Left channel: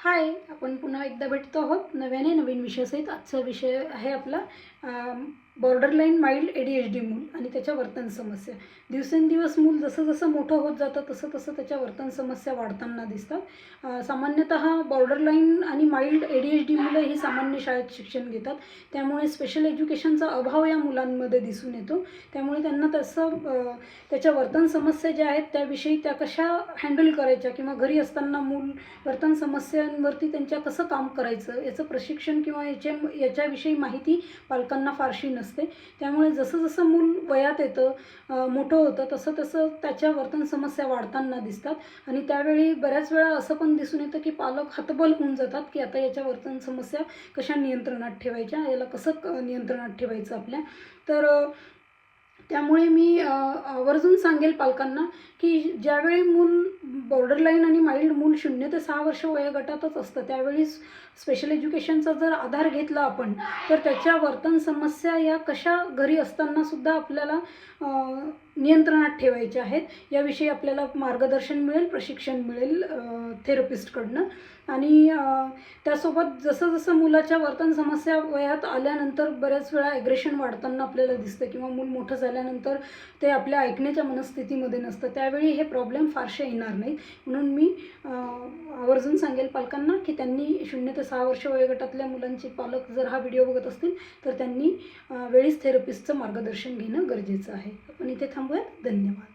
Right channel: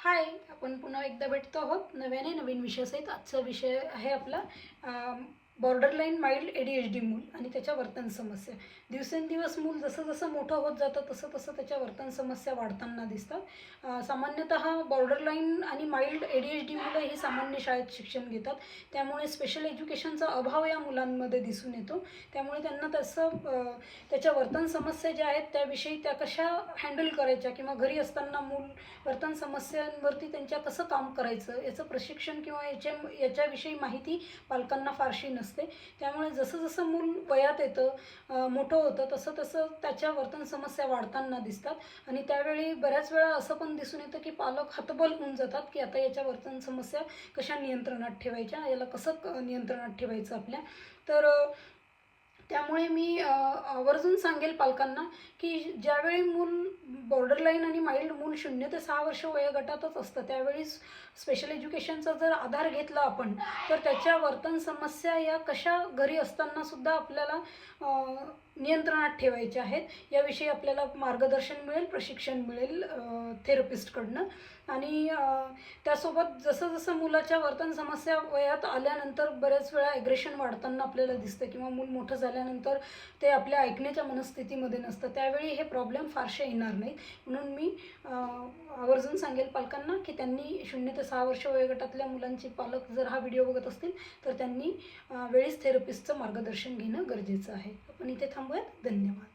हाय, आपण पुन्हा एकदा भेटतो आहोत नव्याने नवीन विषयासहित. आजचा विषय आहे आपला बॉर्डरलाईन माइल्ड ADHD मूल आणि त्याच्या वर्तन समस्या. दिवसेंदिवस मूल जसं जसं मोठं होत जातं तसं तसं त्याच्या वर्तन समस्या वाढताना दिसतात. सामान्यतः बॉर्डरलाईन आणि माइल्ड ADHD मुलं ही सामान्य शाळेत शिक्षण घेतात, त्यामुळे स्पेशल एज्युकेशनचा अभाव या मुलांमध्ये दिसून येतो. त्यामुळे त्यांना त्याच्या वर्तन समस्या ज्या आहेत त्याविषयी त्या कशा हँडल करायच्या किंवा घरी असताना मूल वर्तन समस्यांवरती त्यांच्या कसं काम करायचं याचं प्रशिक्षण किंवा याच्याविषयी माहिती पालकांना फारशी नसते. त्यामुळे जसं जसं मूल वयात येतं, मोठं होतं, तसं तसं त्याच्या वर्तन समस्या वाढताना दिसतात. आणि त्यावेळी बऱ्याच वेळा असं पण दिसून येतं की पालक हतबल होऊन जातात की आता याच्या वर्तन समस्या कशा नियंत्रणात ठेवायच्या, याला कसं नियंत्रणात ठेवायचं आपल्या. तर त्यामुळे मी आवर्जून सांगेल पालकांना की ज्यावेळी मूल बॉर्डरलाईन आणि माइल्ड मूल 0 ते 6 वर्ष वयोगटातच असतं त्यावेळी स्पेशल एज्युकेशनचा जर आधार घेतला आपण तर त्याच्या वर्तन समस्या या कशा घरी असतानासुद्धा आपल्याला नियंत्रणात ठेवायच्या आहेत याविषयी आपल्याला मार्गदर्शन मिळेल, प्रशिक्षण मिळेल थेरपिस्टकडनं. आणि त्यासोबत जसं जसं मुलाच्या वर्तन समस्या वयात आल्यानंतर बऱ्याच वेळा ॲग्रेशन वाढताना आपल्याला दिसतं किंवा मूल मोठं झाल्यानंतर ते आपल्या ऐकण्याच्या मनस्थितीमध्ये नसतं, त्यावेळी हे प्रॉब्लेम फारसे येणार नाहीत. म्हणून मी आवर्जून सांगेल पालकांना की त्यांनी 0 ते 6 वर्ष वयोगटातल्या मुलांचे पालक जर हा व्हिडिओ बघत असतील तर त्यांनी वेळीच थेरपिस्टचं मार्गदर्शन घेणं गरजेचं आहे. आपण इथे थांबूयात. धन्यवाद.